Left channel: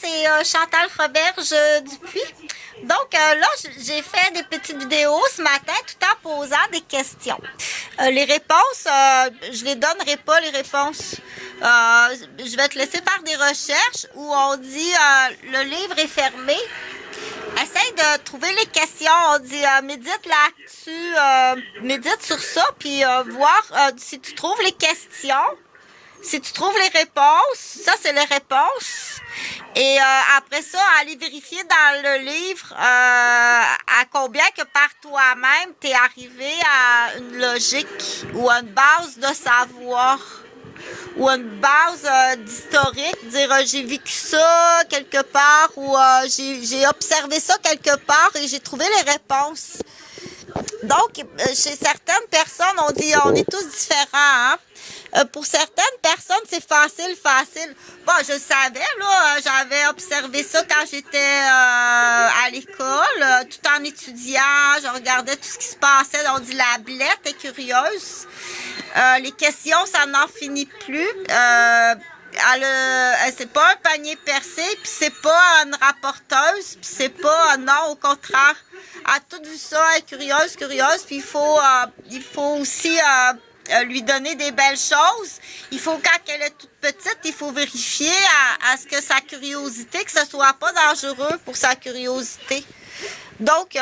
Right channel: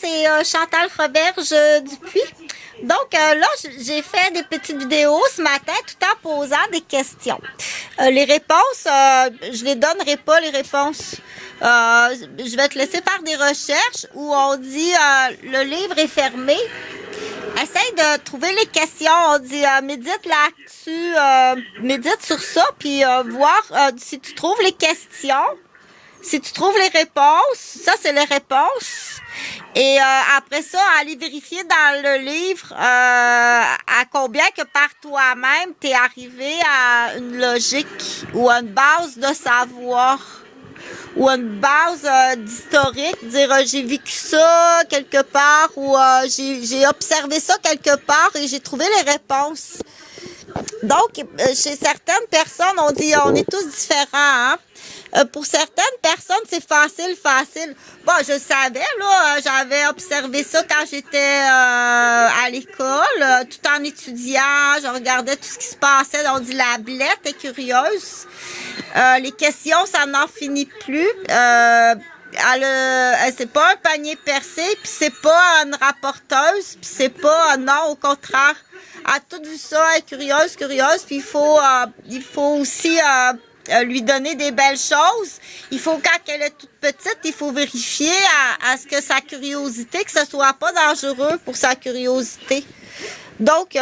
c'est Chantal Roberge Dupuis. Donc là, j'ai fait des petites vidéos ce matin tout en posant des questions. Les réponses, je les donnerai pas, les réponses. Je vais te laisser faire des recherches où on dit le livre est fermé. Essaye de trouver les questions. On dit médite là-dessus, médite sur ça, puis voir si tu trouves les questions. Si tu trouves les réponses, ça c'est les réponses. Et après ça, aller vérifier dans le livre à combien que par toi-même t'es arrivé à une logique ou à une base de savoir ou une base d'historique, dire j'ai vécu ça quelque part ou j'ai observé ça quelque part et j'ai trouvé les réponses. Donc, chez certaines personnes, on dit on est tous différents, hein? Pour certaines personnes, c'est facile. Bon, je savais, là, j'avais observé ça quand j'étais à l'école, tout en étudiant, je regardais tout ce qui se passait, on dit la blette est curieuse. Les questions, ça n'en finit plus. C'est pas un panier percé, puis c'est pas une rapporteuse, puis c'est pas non, au contraire. Elle a tout vu ça, elle est curieuse, puis il faut aussi lui donner des belles choses. Il faut, quand elle est toute petite, il faut vérifier à ce que sa curiosité, que ce soit pas dangereux pour sa curiosité. Donc,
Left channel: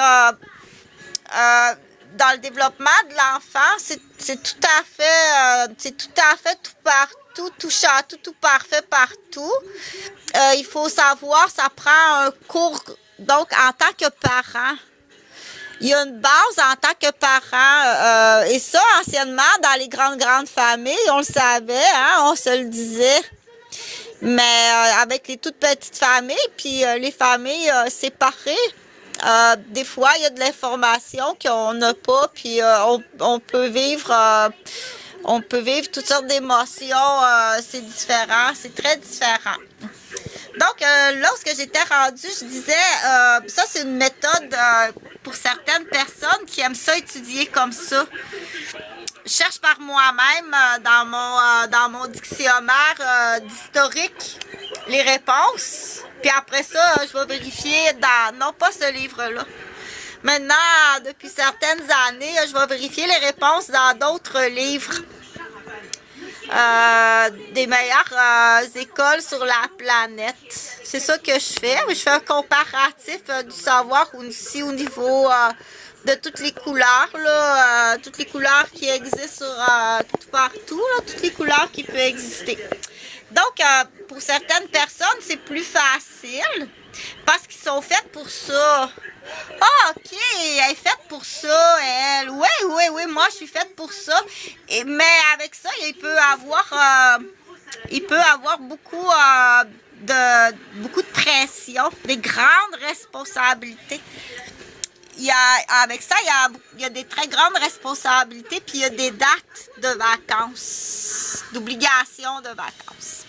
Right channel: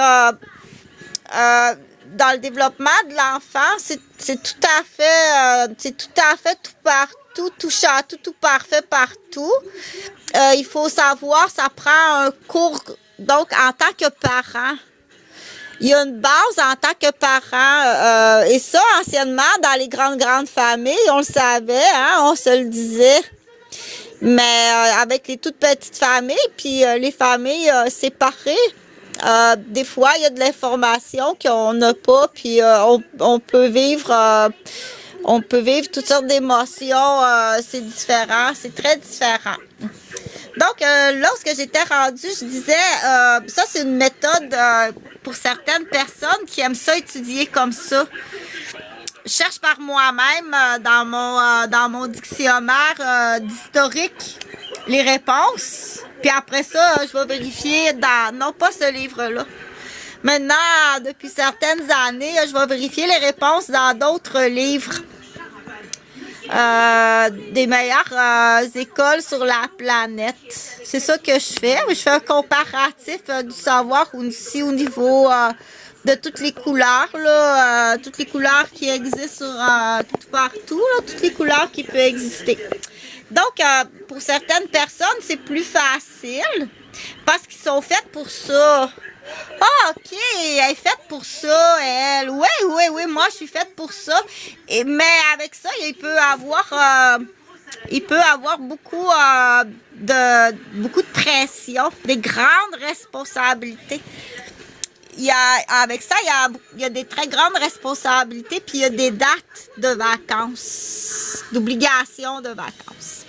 dans le développement de l'enfant, c'est tout à fait tout partout, tout parfait partout. Il faut savoir, ça prend un cours, donc en tant que parent. Il y a une base en tant que parent, et ça, anciennement, dans les grandes familles, on le savait, hein, on se le disait. Mais avec les toutes petites familles, puis les familles séparées, des fois, il y a de l'information qu'on n'a pas, puis on peut vivre toutes sortes d'émotions, c'est différent, c'est très différent. Donc, lorsque j'étais rendue, je disais, ça c'est une méthode pour certaines personnes qui aiment ça étudier comme ça. Je cherche par moi-même dans mon dictionnaire d'historique les réponses. Puis après ça, je vais vérifier non pas ce livre-là. Maintenant, depuis certaines années, je vais vérifier les réponses dans d'autres livres. Des meilleures écoles sur la planète. C'est ça que je fais. Je fais un comparatif du savoir aussi au niveau de toutes les couleurs, là, toutes les couleurs qui existent tout partout, là, toutes les couleurs qui peuvent exister. Donc, pour certaines personnes, c'est plus facile parce qu'ils sont faits pour ça. Ah, ok, elle est faite pour ça, elle. Oui, moi, je suis faite pour ça. Mais avec ça, il peut avoir beaucoup de pression, des grandes responsabilités. Avec ça, il y a des très grandes responsabilités, puis il y a des dates de vacances, d'obligations de vacances.